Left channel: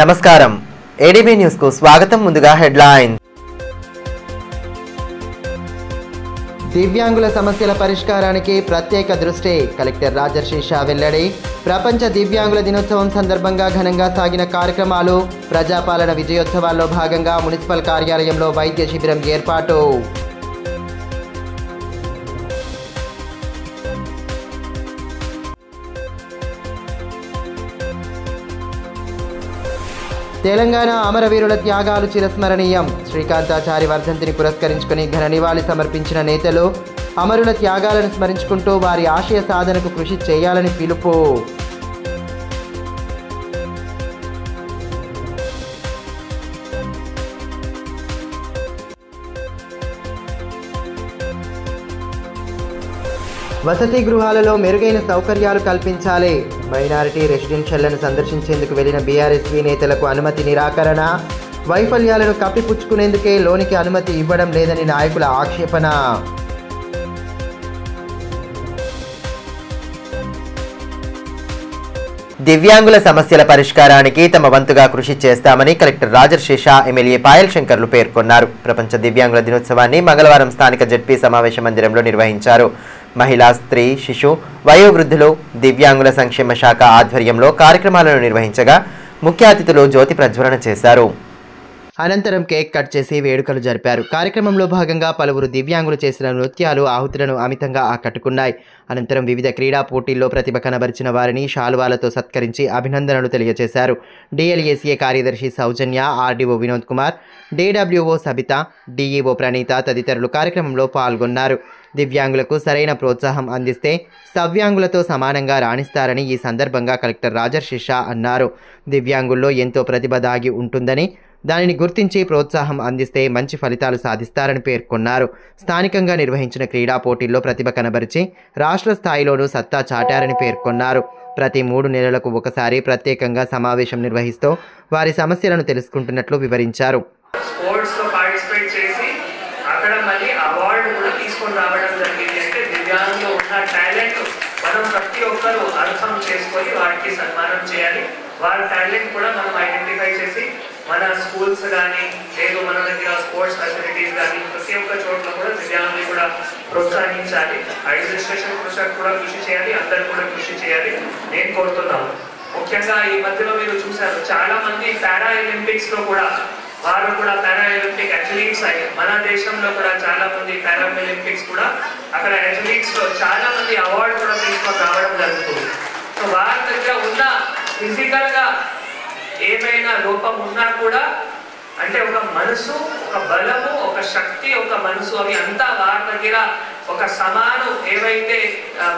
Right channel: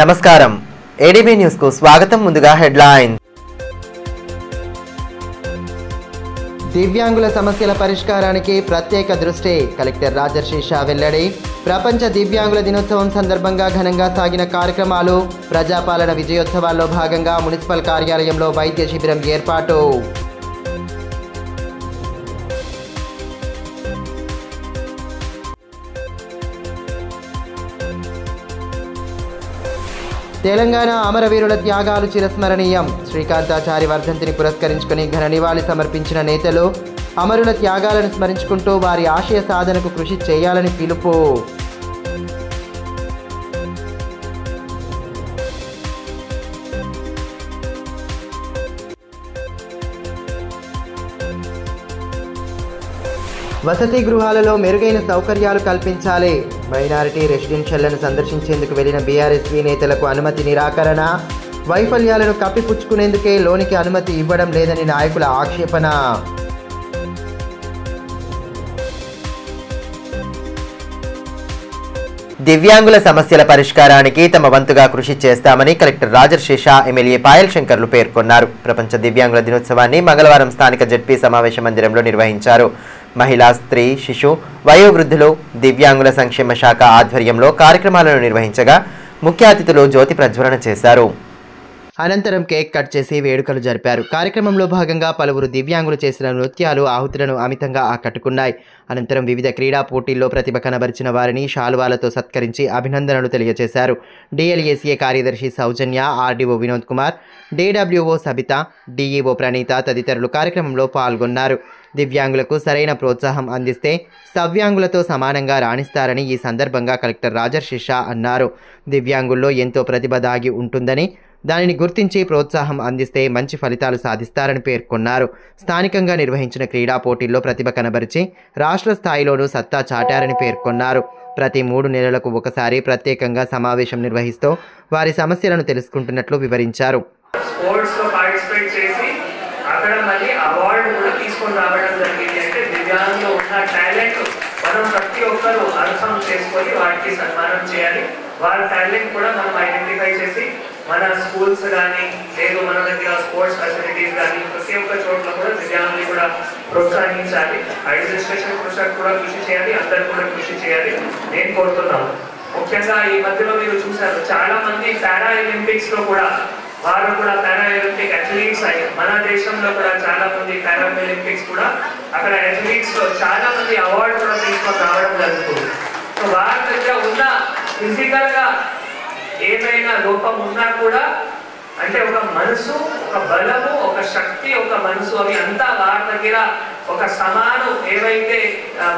నమస్కారం ADB news కు స్వాగతం. ముందుగా హెడ్లైన్. దివ్యాంగుల సమస్యల పరిష్కారానికి ప్రత్యేక దృష్టి కలెక్టర్ రాజర్షి షా వెల్లడి. ప్రపంచ దివ్యాంగుల దినోత్సవం సందర్భంగా ఘనంగా సాగిన కార్యక్రమాలు. ప్రజాపాలన విజయోత్సవాల్లో భాగంగా మున్సిపల్ కార్యాలయంలో వైద్య శిబిరం ఏర్పాటు. తెలంగాణ అమరవీరుల త్యాగాలు చిరస్మరణీయం. శ్రీకాంతాచారి వర్ధంతిని పురస్కరించుకుని ఘన నివాళి సమర్పించిన నేతలు అమరుల త్యాగాలను స్మరించుకుంటూ వారి ఆశయ సాధనకు కృషి చేయాలని పిలుపు. వసతి గృహాలలో మెరుగైన సౌకర్యాలు కల్పించాలి. మైనారిటీ రెసిడెన్షియల్లను సందర్శించేందుకు వెళ్లిన బీఆర్ఎస్వీ నేతలకు అనుమతి నిరాకరణ. వైఫల్యాలను కప్పిపుచ్చుకునేందుకే లోనికి అనుమతి ఇవ్వడం లేదని నాయకుల ఆక్షేపణ. దివ్యాంగుల సమస్యల పరిష్కారానికి తమ వంతుగా కృషి చేస్తామని కలెక్టర్ రాజర్షి షా, ఎమ్మెల్యే పాయల్ శంకర్లు పేర్కొన్నారు. ప్రపంచ దివ్యాంగుల దినోత్సవాన్ని మంగళవారం స్థానిక జెడ్పీ సమావేశ మందిరంలో నిర్వహించారు. మహిళా, స్త్రీ, శిశు, వయోవృద్ధులు, దివ్యాంగుల సంక్షేమ శాఖ ఆధ్వర్యంలో కార్యక్రమాలను నిర్వహించగా ముఖ్య అతిథులు జ్యోతి ప్రజ్వలన చేశారు. అనంతరం కేక్ కట్ చేసి వేడుకలు జరిపారు. కార్యక్రమంలో భాగంగా పలువురు దివ్యాంగులు చేసిన నృత్యాలు ఆహుతులను అమితంగా ఆకట్టుకున్నాయి. అనంతరం వివిధ క్రీడా పోటీల్లో ప్రతిభ కనబరిచిన వారిని శాలువాలతో సత్కరించి అభినందనలు తెలియజేశారు. డిఎల్ఏసీఏ కార్యదర్శి సౌజన్య, RDO Vinod Kumar, DWO Sabitha, DEO Praneetha తదితరులు కార్యక్రమంలో పాల్గొన్నారు. దివ్యాంగులకు సరైన ప్రోత్సాహం అందిస్తే సవ్యాంగులతో సమానంగా రాణిస్తారని ఈ సందర్భంగా కలెక్టర్ రాజర్షి షా అన్నారు. దివ్యాంగుల్లో ఎంతో ప్రతిభ దాగి ఉంటుందని, దానిని గుర్తించి ప్రోత్సాహం అందిస్తే మంచి ఫలితాలు సాధిస్తారని పేర్కొన్నారు. స్థానికంగా నిర్వహించిన క్రీడా పోటీల్లో ప్రతిభ కనబరిచి రాష్ట్ర స్థాయిలోనూ సత్తా చాటారని పేర్కొన్నారు. ప్రతి 3 నెలలకు ఒకసారి ప్రత్యేకంగా సమావేశం నిర్వహిస్తూ వారి సమస్యలను తెలుసుకుంటున్నట్లు వివరించారు. ప్రతి ఒక్కరు అర్థం చేసుకొని వాటికి సన్మానం చేయాలి. వాళ్ళ టాలెంట్ కూడా మనం ఐడెంటిఫై చేసి మన స్కూల్స్ కానీ లేదు మన దగ్గర స్పోర్ట్స్ ఫెసిలిటీస్ కానీ ప్రతి ఒక్క చోట్ల కూడా దివ్యాంగులు కూడా ప్రోత్సహించాలి. అడ్మినిస్ట్రేషన్ కూడా కృషి చేయాలి, అందరు కూడా కృషి చేయాలి నేను కోరుతున్నాను. ముఖ్యంగా ఈ మధ్యలో మీరు చూసారు చాలా మంది పారా ఒలింపిక్స్ లో కూడా వారు కూడా పారా ఒలింపిక్ అథ్లీట్స్ అయ్యారు. మన దేశంలో కూడా చాలా మంది పారా ఒలింపిక్స్ కూడా అక్కడ అథ్లీట్స్ లో చాలా మంది అవార్డు కూడా తీసుకొని రావడం జరుగుతుంది. సో వారి దగ్గర ఉన్న ఫిజికల్ గా ఏమైనా లోపం ఉన్నా కూడా అంటే ఒక మనసు, ఒక బలము, ఒక శక్తి, ఒక మనసు అవి అంతా వారి దగ్గర ఒక సమానం ఏవైతే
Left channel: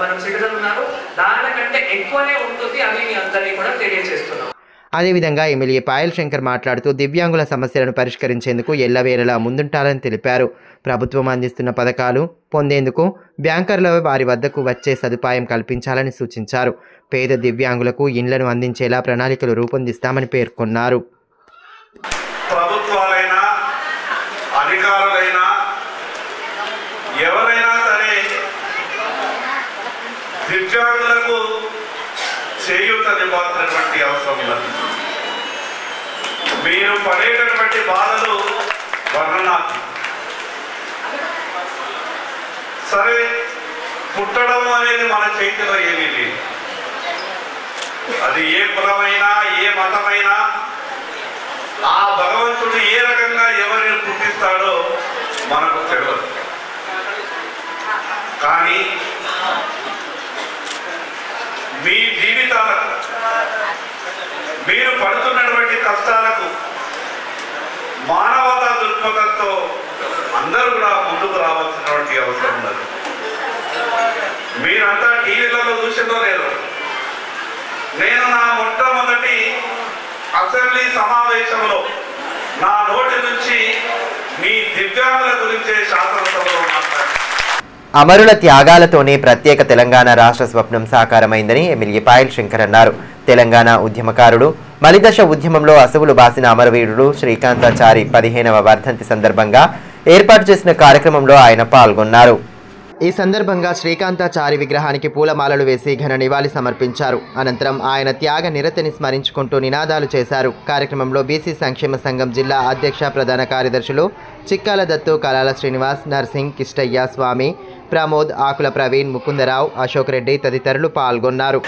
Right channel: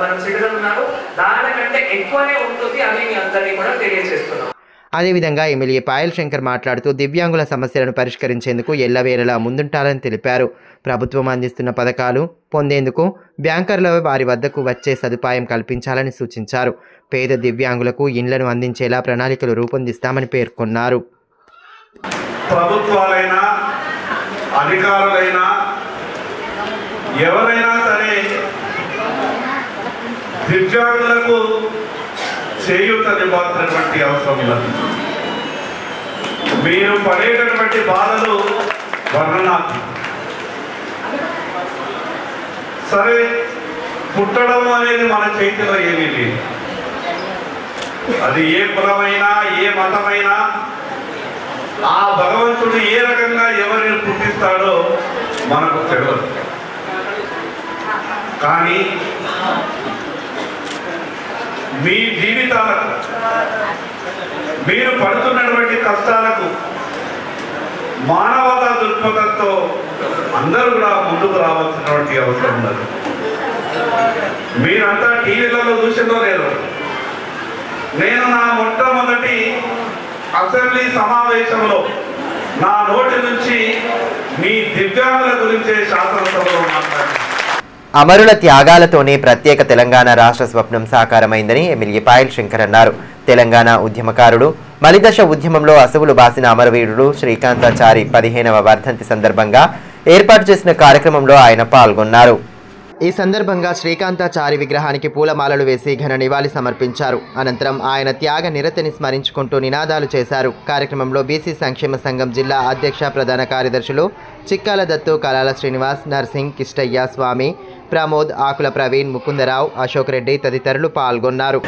మనం సిటిజన్ ఉన్నారో దానికంటే ఎక్కువనే ఉంటుంది అని మీ అందరినీ కూడా తెలియజేస్తున్నాం. అదేవిధంగా ఎమ్మెల్యే పాయల్ శంకర్ మాట్లాడుతూ దివ్యాంగుల సమస్యలను పరిష్కరించేందుకు ఎల్లవేళలా ముందుంటారని తెలిపారు. ప్రభుత్వం అందిస్తున్న పథకాలు పొందేందుకు బ్యాంకర్ల వారి వద్దకు వచ్చే సదుపాయం కల్పించాలని సూచించారు. పేద దివ్యాంగులకు ఇండ్లను అందించేలా ప్రణాళికలు రూపొందిస్తామని పేర్కొన్నారు. ప్రభుత్వాలైనా అధికారులైనా ఎవరైనా సరే దివ్యాంగులకు చేయూతనివ్వాల్సినటువంటి అవసరం ఉన్నది. మీరు పడేటటువంటి బాధలు వర్ణనాలు. సరే, పుట్టడం అనేది మన చేతిలో ఏమీ లేదు. అది ఏ కులమైనా ఏ మతమైనా ఆ భగవంతుడు ఏ రకంగా ఎవరిని పుట్టిస్తాడో మనకు తెలియదు. కానీ మీ జీవితాలకు మీరు పడుతున్నటువంటి కష్టాలకు మానవతా దృక్పథంతో అందరూ కూడా ముందుకు రావాల్సినటువంటి అవసరం ఉన్నది. మీరంతా టీవీలలో చూసిందో లేదో, నేను నా మొట్టమొదటి అసెంబ్లీ సమావేశంలో నా నోటి నుంచి మీ దివ్యాంగుల గురించే శాసనసభలో మాట్లాడాను. అమరుల త్యాగాలతోనే ప్రత్యేక తెలంగాణ రాష్ట్ర స్వప్నం సాకారమైందని ఎమ్మెల్యే పాయల్ శంకర్ అన్నారు. తెలంగాణ ఉద్యమకారుడు, మలిదశ ఉద్యమంలో అసువులు బాసిన అమరవీరుడు శ్రీకాంతాచారి 15వ వర్ధంతి సందర్భంగా ఏర్పాటు చేసిన కార్యక్రమంలో ఆయన పాల్గొన్నారు. ఈ సందర్భంగా శ్రీకాంతాచారి విగ్రహానికి పూలమాలలు వేసి ఘన నివాళి సమర్పించారు. అనంతరం ఆయన త్యాగ నిరతిని స్మరించుకుంటూ నినాదాలు చేశారు. కార్యక్రమంలో బీసీ సంక్షేమ సంఘం జిల్లా అధ్యక్ష ప్రధాన కార్యదర్శులు చిక్కాల దత్తు, కలాల శ్రీనివాస్, నర్సింగ్, కిష్టయ్య, స్వామి, ప్రమోద్, ఆకుల ప్రవీణ్, ముకుందరావు, అశోక్ రెడ్డి తదితరులు పాల్గొన్నారు.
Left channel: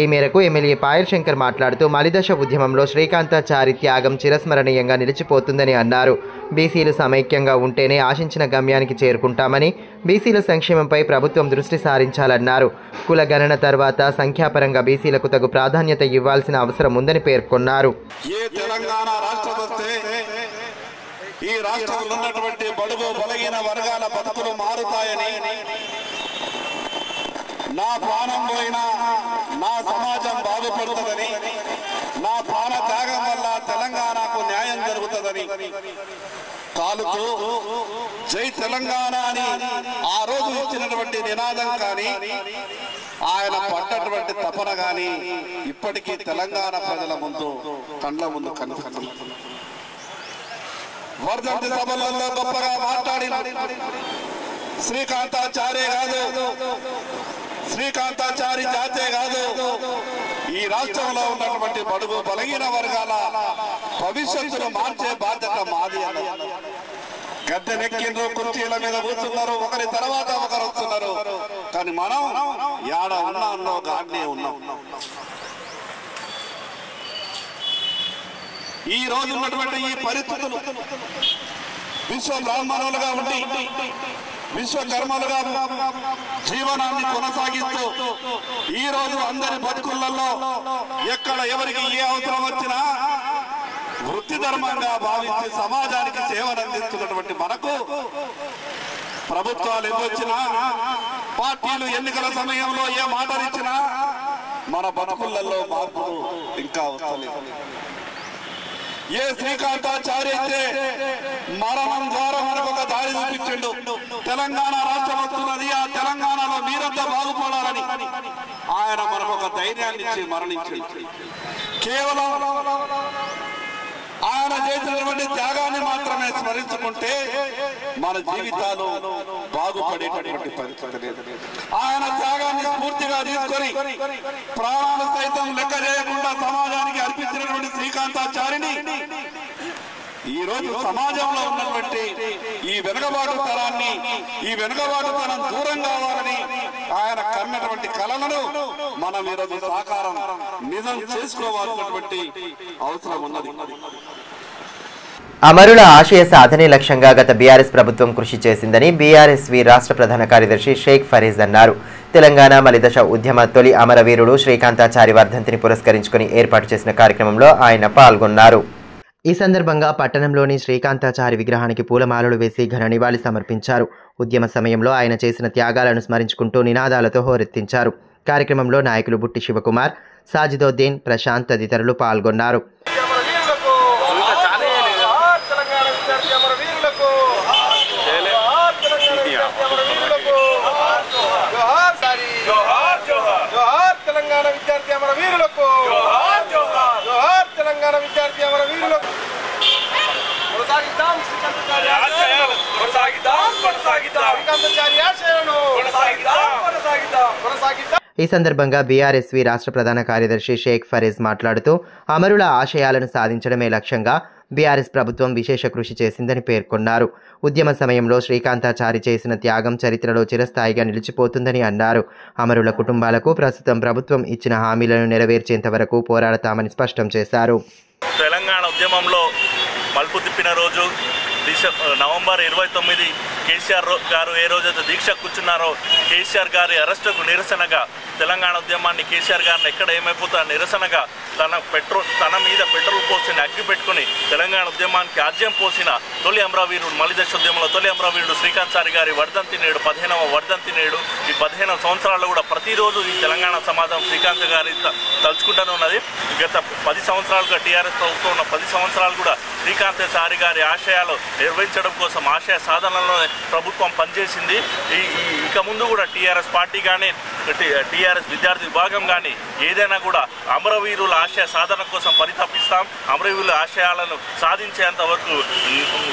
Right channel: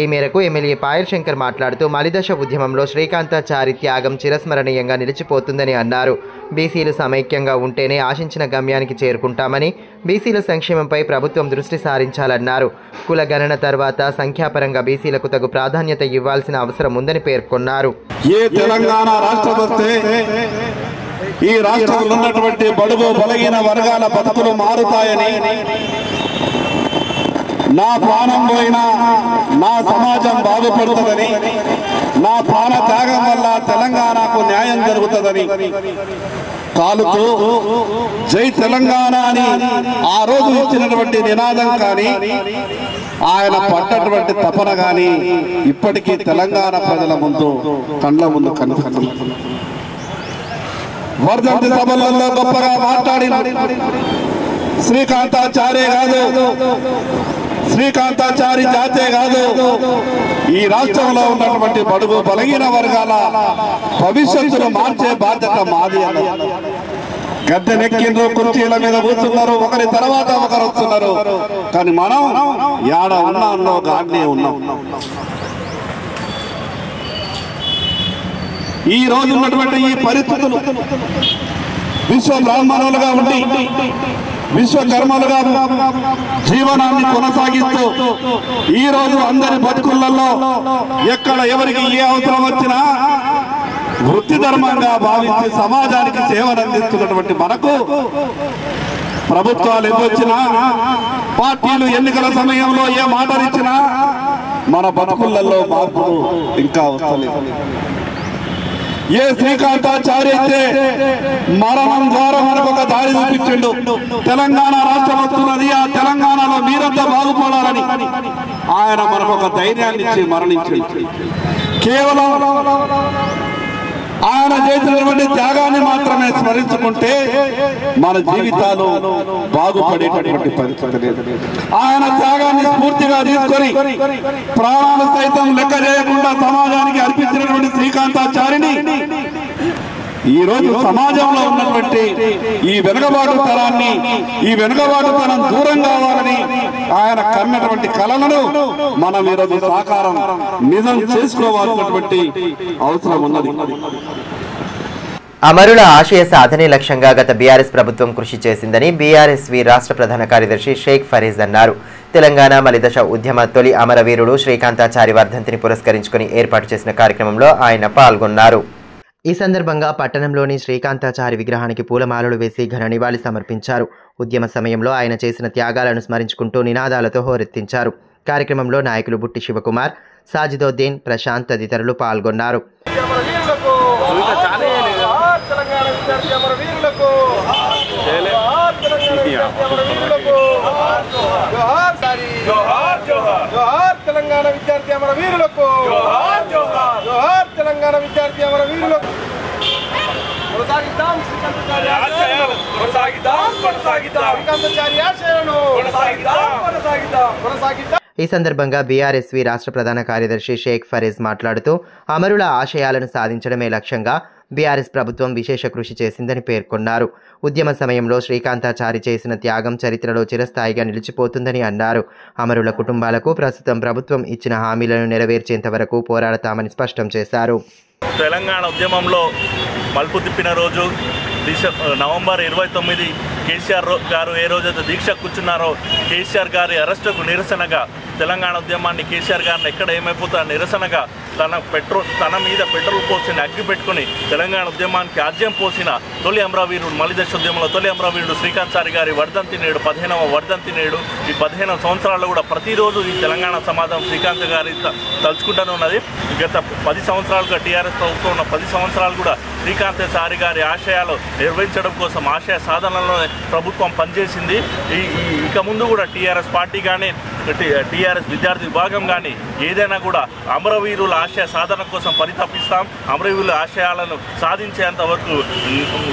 ఈ మేరకు ఎమ్మెల్యే పాయల్ శంకర్ మాట్లాడుతూ మలిదశ ఉద్యమంలో శ్రీకాంతాచారి త్యాగం చిరస్మరణీయంగా నిలిచిపోతుందని అన్నారు. బీసీలు సమైక్యంగా ఉంటేనే ఆశించిన గమ్యానికి చేరుకుంటామని, బీసీల సంక్షేమంపై ప్రభుత్వం దృష్టి సారించాలన్నారు. కుల గణన తర్వాత సంఖ్యాపరంగా బీసీలకు తగు ప్రాధాన్యత ఇవ్వాల్సిన అవసరం ఉందని పేర్కొన్నారు. ఈ రాష్ట్రంలో ఉన్నటువంటి బడుగు బలహీన వర్గాల బతుకులు మారుతాయని, నా ప్రాణం పోయినా నా సమాజం బాగుపడుతుందని, నా ప్రాణ త్యాగం వల్ల తెలంగాణకు న్యాయం జరుగుతుందని కాలుతూ జై తెలంగాణ అని ఆ రోజు ఇచ్చినటువంటి నినాదం కానీ, ఆయన పడ్డటువంటి తపన కానీ ఇప్పటికీ తెలంగాణ ప్రజల ముందు కండ్ల ముందు కనిపిస్తుంది. వర్ధంతి సభలలో గొప్పగా మాట్లాడిన శ్రీకాంతాచార్య కాదు, శ్రీకాంతాచారి జాతే కాదు, ఈ రాష్ట్రంలో ఉన్నటువంటి బడుగు బలహీన వర్గాల భవిష్యత్తును మార్చే బాధ్యత మాది అన్నారు. గద్దెనెక్కిండ్రు, కుర్చీల మీద కూర్చున్నారు, ఒకరి తర్వాత ఒకరు వస్తున్నారు, కానీ మనం యాడ ఉన్నాలో గాడ్నే ఉన్నాం. ఈ రోజు ఉన్నటువంటి ఈ పరిస్థితులు విశ్వ బ్రాహ్మణులుగా ఉండి విశ్వకర్మలుగా జీవనాన్ని కొనసాగిస్తూ ఈ రోజు అందరి బతుకులలో ఎక్కడ ఎవరికి ఏ అవసరం వచ్చినా వృత్తి ధర్మంగా భావించి సమాజానికి సేవలు అందిస్తున్నటువంటి మనకు ప్రభుత్వాలు ఎన్నొచ్చినా, పార్టీలు ఎన్నికల సమయంలో ఏ మాటలు ఇచ్చినా మన బతుకులలో మార్పులు ఇంకా వస్తలేదు. ఏ శ్రీకాంతాచారి అయితే మరణం ద్వారా మనకు ఒక దారి చూపించిండు. తెలంగాణ రాష్ట్రం వస్తున్నది, ఆ తెలంగాణలో మీరంతా బాగుపడాలని ఆయన మనకు ఒక ధైర్యాన్ని ఇచ్చి మరణించింది. కేవలం ఆయన చేసినటువంటి త్యాగాన్ని మాత్రమే స్మరించుకుంటే మన జీవితాలు బాగుపడేటటువంటి పరిస్థితి లేదు. ఆయన త్యాగాన్ని స్ఫూర్తిగా తీసుకొని ప్రాణాలు సైతం లెక్క చేయకుండా సమాజానికి అర్పించినటువంటి శ్రీకాంతాచారిని ఈ రోజు సమాజంలో ఉన్నటువంటి ఈ వెనుకబాటు తరాన్ని, ఈ వెనుకబాటు తరం దూరం కావాలని ఆయన కన్నటువంటి కళలను మనం ఈరోజు సాకారం నిజం చేసుకోవాల్సినటువంటి అవసరం ఉన్నది. అమరుల ఆశయ సాధనే లక్ష్యంగా గత బీఆర్ఎస్ ప్రభుత్వం కృషి చేసిందని బీఆర్ఎస్వి రాష్ట్ర ప్రధాన కార్యదర్శి షేక్ ఫరీజ్ అన్నారు. తెలంగాణ మలిదశ ఉద్యమ తొలి అమరవీరుడు శ్రీకాంతాచారి వర్ధంతిని పురస్కరించుకుని ఏర్పాటు చేసిన కార్యక్రమంలో ఆయన పాల్గొన్నారు. ఈ సందర్భంగా పట్టణంలోని శ్రీకాంతాచారి విగ్రహానికి పూలమాలలు వేసి ఘన నివాళి సమర్పించారు. ఉద్యమ సమయంలో ఆయన చేసిన త్యాగాలను స్మరించుకుంటూ నినాదాలతో హోరెత్తించారు. కార్యక్రమంలో నాయకులు బుట్టి శివకుమార్, సాజిదోద్దీన్, ప్రశాంత్ తదితరులు పాల్గొన్నారు. తెలంగాణ విద్యార్థి అమర వీరులకు జోహార్, జోహార్, జోహార్ తెలంగాణ విద్యార్థి అమర వీరులకు. కొనసాగిద్దాం శ్రీకాంతాచారి ఆశయాలను, కొనసాగిద్దాం కొనసాగిద్దాం శ్రీకాంతాచారి ఆశయాలను, కొనసాగిద్దాం కొనసాగిద్దాం కొనసాగిద్దాం. ఈ సందర్భంగా బీఆర్ఎస్వి రాష్ట్ర ప్రధాన కార్యదర్శి షేక్ ఫరీజ్ మాట్లాడుతూ అమరుల ఆశయాలను సాధించడమే లక్ష్యంగా బీఆర్ఎస్ ప్రభుత్వం విశేష కృషి చేసిందని పేర్కొన్నారు. ఉద్యమ సమయంలో శ్రీకాంతాచారి చేసిన త్యాగం చరిత్రలో చిరస్థాయిగా నిలిచిపోతుందని అన్నారు. అమరుల కుటుంబాలకు ప్రస్తుతం ప్రభుత్వం ఇచ్చిన హామీలను నెరవేర్చేంత వరకు పోరాడతామని స్పష్టం చేశారు. తెలంగాణ ఉద్యమంలో మలుపు తిప్పిన రోజు నవంబర్ 29 కేసీఆర్ గారు ఏ రోజైతే దీక్ష కూర్చున్నారో కేసీఆర్ గారి అరెస్టుకు నిరసనగా తెలంగాణ ఉద్యమాన్ని కేసీఆర్ గారిని ఎక్కడ ఏమైపోతా నిరసనగా తన మీద పెట్రోల్ పోసిన అగ్గి పెట్టుకుని తెలంగాణ ఉద్యమానికి ఆజ్యం పోసిన తొలి అమరవీరుడు మలిదశ ఉద్యమంలో తొలి అమరవీరుడు శ్రీకాంత్ చారి గారి వర్ధంతి నేడు 15వ వర్ధంతి నేడు. ఈ 15 సంవత్సరాల్లో కూడా ప్రతిరోజు ఈ తెలంగాణ సమాజం శ్రీకాంత్ గారి తలుచుకుంటూనే ఉన్నది. గత 10 సంవత్సరాలుగా టీఆర్ఎస్ ప్రభుత్వం ఉన్న 10 సంవత్సరాలు కూడా శ్రీకాంత్ చారి గారి ఆశయాలు నిర్వహించడం కోసం ఆశయ సాధనలో ప్రభుత్వం పనిచేసింది. ఇక ముందు కూడా టీఆర్ఎస్ పార్టీ కానీ టీఆర్ఎస్ విద్యార్థి విభాగం కానీ ఏదైనా కూడా అమరవీరుల ఆశయ సాధన కోసం పరితపిస్తాం. అమరవీరుల ఆశయాలను సాధించేంత వరకు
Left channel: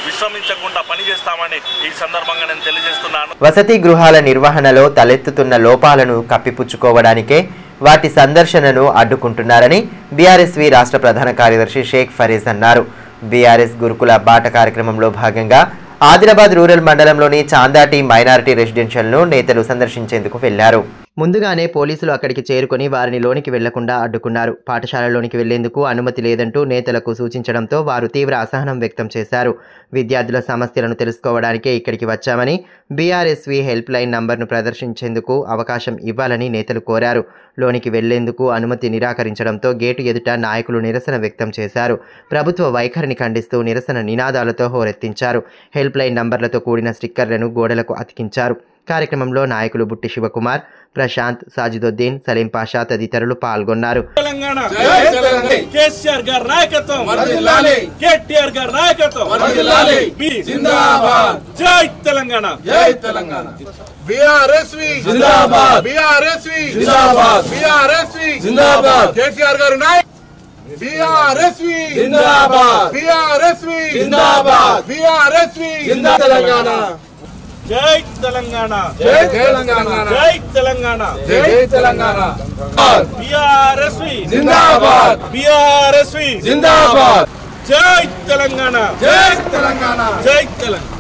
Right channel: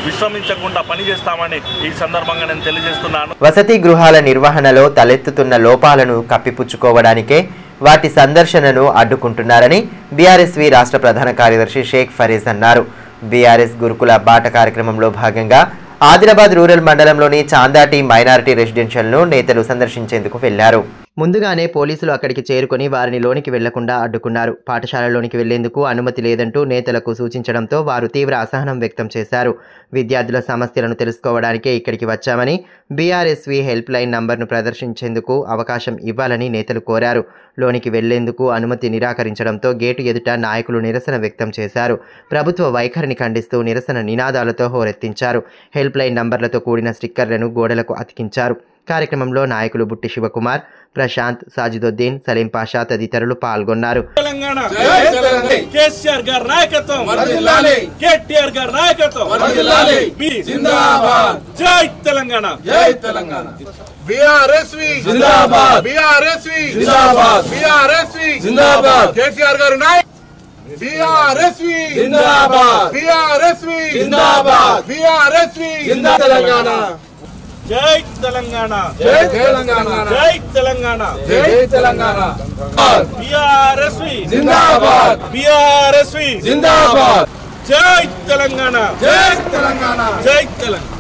విశ్రమించకుండా పనిచేస్తామని ఈ సందర్భంగా నేను తెలియజేస్తున్నాను. వసతి గృహాల నిర్వహణలో తలెత్తుతున్న లోపాలను కప్పిపుచ్చుకోవడానికే వాటి సందర్శనను అడ్డుకుంటున్నారని బీఆర్ఎస్వి రాష్ట్ర ప్రధాన కార్యదర్శి షేక్ ఫరీజ్ అన్నారు. బీఆర్ఎస్ గురుకుల బాట కార్యక్రమంలో భాగంగా ఆదిలాబాద్ రూరల్ మండలంలోని చాందాటి మైనారిటీ రెసిడెన్షియల్ను నేతలు సందర్శించేందుకు వెళ్లారు. ముందుగానే పోలీసులు అక్కడికి చేరుకొని వారిని లోనికి వెళ్లకుండా అడ్డుకున్నారు. పాఠశాలలోనికి వెళ్లేందుకు అనుమతి లేదంటూ నేతలకు సూచించడంతో వారు తీవ్ర అసహనం వ్యక్తం చేశారు. విద్యార్థుల సమస్యలను తెలుసుకోవడానికే ఇక్కడికి వచ్చామని, బీఆర్ఎస్వి హెల్ప్ లైన్ నంబర్ను ప్రదర్శించేందుకు అవకాశం ఇవ్వాలని నేతలు కోరారు. లోనికి వెళ్లేందుకు అనుమతి నిరాకరించడంతో గేటు ఎదుట నాయకులు నిరసన వ్యక్తం చేశారు. ప్రభుత్వ వైఖరిని ఖండిస్తూ నిరసన నినాదాలతో హోరెత్తించారు. హెల్ప్ లైన్ నంబర్లతో కూడిన స్టిక్కర్లను గోడలకు అతికించారు. కార్యక్రమంలో నాయకులు బుట్టి శివకుమార్, ప్రశాంత్, సాజిదుద్దీన్, సలీం పాషా తదితరులు పాల్గొన్నారు. తెలంగాణ కేసీఆర్ గారి నాయకత్వం వర్ధిల్లాలి, కేటీఆర్ గారి నాయకత్వం వర్ధిల్లాలి, జిందాబాద్, జై తెలంగాణ, జై తెలంగాణ, బీఆర్ఎస్వి జిందాబాద్, బీఆర్ఎస్వి జిందాబాద్, బీఆర్ఎస్వి జిందాబాద్, కేసీఆర్ గారి నాయకత్వం బీఆర్ఎస్వి జిందాబాద్, బీఆర్ఎస్వి జిందాబాద్, బీఆర్ఎస్వి జిందాబాద్, తెలంగాణ, జై తెలంగాణ, జై తెలంగాణ, జై తెలంగాణ, జై తెలంగాణ, బీఆర్ఎస్వి జిందాబాద్, బీఆర్ఎస్వి జిందాబాద్, జై తెలంగాణ, జై తెలంగాణ, జై తెలంగాణ.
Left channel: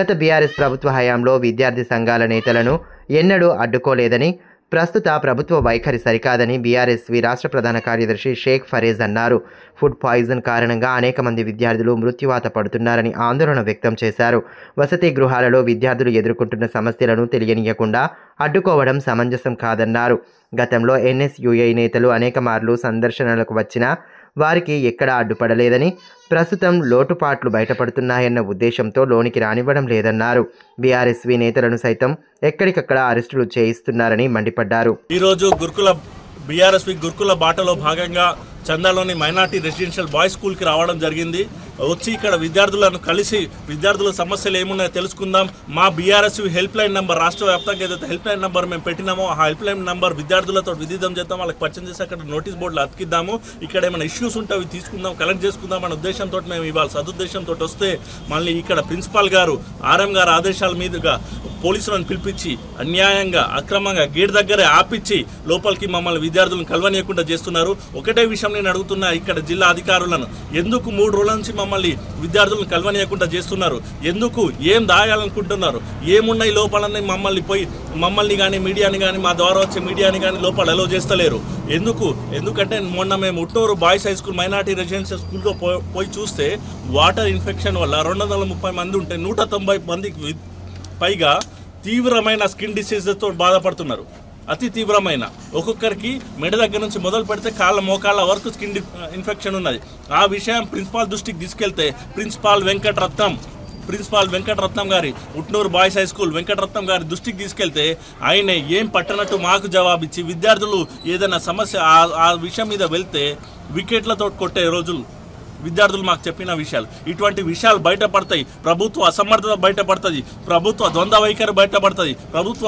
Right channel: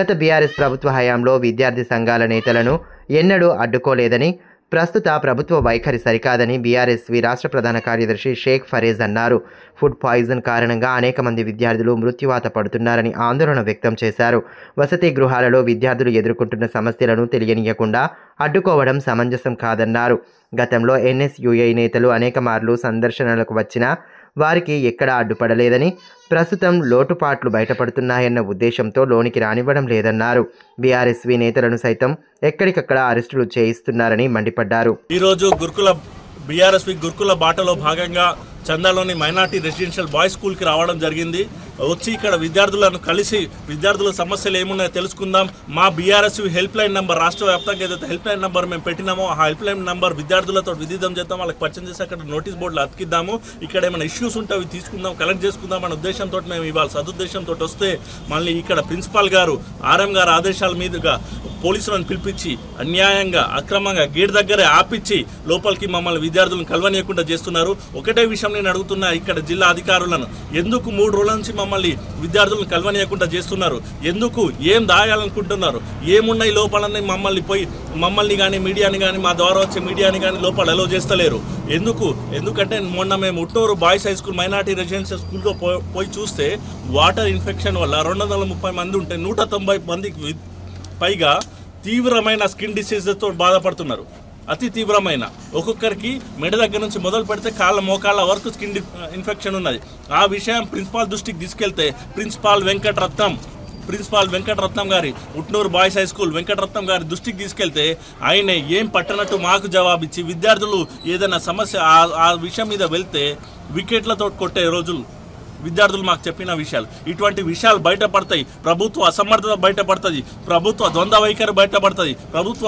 గత బీఆర్ఎస్ ప్రభుత్వ హయాంలో విద్యార్థి సంఘాల నేతలను ఎన్నడూ అడ్డుకోలేదని, ప్రస్తుత ప్రభుత్వ వైఖరి సరికాదని బీఆర్ఎస్వి రాష్ట్ర ప్రధాన కార్యదర్శి షేక్ ఫరీజ్ అన్నారు. ఫుడ్ పాయిజన్ కారణంగా అనేక మంది విద్యార్థులు మృత్యువాత పడుతున్నారని ఆందోళన వ్యక్తం చేశారు. వసతి గృహాలలో విద్యార్థులు ఎదుర్కొంటున్న సమస్యలను తెలియనీయకుండా అడ్డుకోవడం సమంజసం కాదన్నారు. గతంలో ఎన్ఎస్యుఐ నేతలు అనేక మార్లు సందర్శనలకు వచ్చినా వారికి ఎక్కడా అడ్డుపడలేదని, ప్రస్తుతం లోటుపాట్లు బయటపడుతున్నాయన్న ఉద్దేశంతో లోనికి రానివ్వడం లేదన్నారు. బీఆర్ఎస్వి నేతలను సైతం ఎక్కడికక్కడ అరెస్టులు చేయిస్తున్నారని మండిపడ్డారు. ఈరోజు బీఆర్ఎస్వి గురుకుల బాటలో భాగంగా చందాలోని మైనార్టీ రెసిడెన్షియల్ బాయ్స్ స్కూల్కి రావడం జరిగింది. వచ్చి ఇక్కడ విద్యార్థులను కలిసి విద్యార్థుల సమస్యలు ఏమున్నాయో తెలుసుకుందాం. మా బీఆర్ఎస్వి హెల్ప్ లైన్ నెంబర్ రాష్ట్ర వ్యాప్తంగా ఏదైతే హెల్ప్ లైన్ నెంబర్ మేము పెట్టినామో ఆ హెల్ప్ లైన్ నెంబర్ విద్యార్థులతో విదిద్దాం చేద్దాం, వాళ్ళకి పరిచయం చేసి అక్కడ నోటీస్ బోర్డులు అతికిద్దాము. ఇక్కడ ఏమైనా ఇష్యూస్ ఉంటే అవి తీసుకుందాం, కలెక్ట్ చేసుకుందాం అనే ఉద్దేశంతో మేము ఇవాళ సదుద్దేశంతో వస్తే మళ్ళీ ఇక్కడ ప్రిన్సిపాల్ గారు ఆర్ఎం గారు ఆదేశాల మీదుగా పోలీసులను పిలిపించి అన్యాయంగా అక్రమంగా గేట్ దగ్గరే ఆపిచ్చి లోపలికి మమ్మల్ని విద్యార్థులను కలవనీయకుండా చేస్తున్నారు. ఒకటే విషయం నేను అడుగుతున్నా ఇక్కడ జిల్లా అధికారులను, ఎందుకు 3 రోజుల నుంచి మమ్మల్ని విద్యార్థులను కలవనీయకుండా చేస్తున్నారు? ఎందుకు ఏం దాయాలనుకుంటున్నారు? ఏమున్నాయి లోపలని మమ్మల్ని కానీ మీడియాని కానీ మా ద్వారా వచ్చే మీడియాని కానీ లోపల అలో చేస్తలేరు. ఎందుకంటే మొన్న మేము Utnoor boys high school minority residential స్కూల్లో పోయి చూస్తే వాటర్ ఇన్ఫెక్షన్ వల్ల 230 మంది ఉంటే 190 మందికి పైగా తీవ్రమైన స్కిన్ డిసీజెస్తో బాధపడుతున్నారు. అతి తీవ్రమైన, ఒక్కొక్కరికి మెడ దగ్గర నుంచి మొదలు పెడితే కాళ్ళ మోకాళ్ళ వరకు స్కిన్ ఇన్ఫెక్షన్ ఉన్నది. ఆ విషయం ప్రిన్సిపాల్ దృష్టికి తీసుకెళ్తే ప్రిన్సిపాల్ వెంకటరత్నం గారి Utnoor boys high school Venkataratnam గారి దృష్టికి తీసుకెళ్తే ఆయన ఏం పట్టనట్టు మాకు జవాబిచ్చి విద్యార్థులు ఏదైనా సమస్య ఆ విషయం మీద వెళ్తే వికెట్లతో కొట్టే రోజులు విద్యార్థులు మాకు చెప్పిన విషయాలు. ఇటువంటి విషయాలు బయటపడతాయి, ప్రభుత్వ అసమర్థత బయటపడుతుంది, ప్రభుత్వ ద్వంద్వ వైఖరి బయటపడుతుంది, ప్రభుత్వ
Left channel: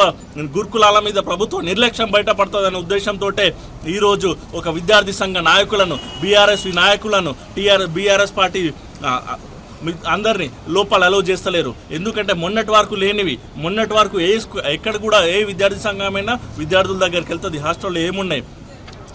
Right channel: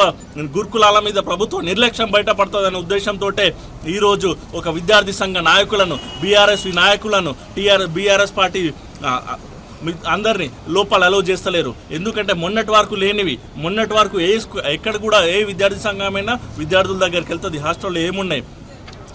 గురుకులాల మీద ప్రభుత్వ నిర్లక్ష్యం బయటపడుతుంది అనే ఉద్దేశంతో ఈరోజు ఒక విద్యార్థి సంఘ నాయకులను, బీఆర్ఎస్వి నాయకులను, బీఆర్ఎస్ పార్టీ అందరినీ లోపల అలో చేస్తలేరు. ఎందుకంటే మొన్నటి వరకు లేనివి, మొన్నటి వరకు ఎక్కడ కూడా ఏ విద్యార్థి సంఘమైనా విద్యార్థుల దగ్గరికి వెళ్తుంది. హాస్టల్లో ఏమున్నాయి,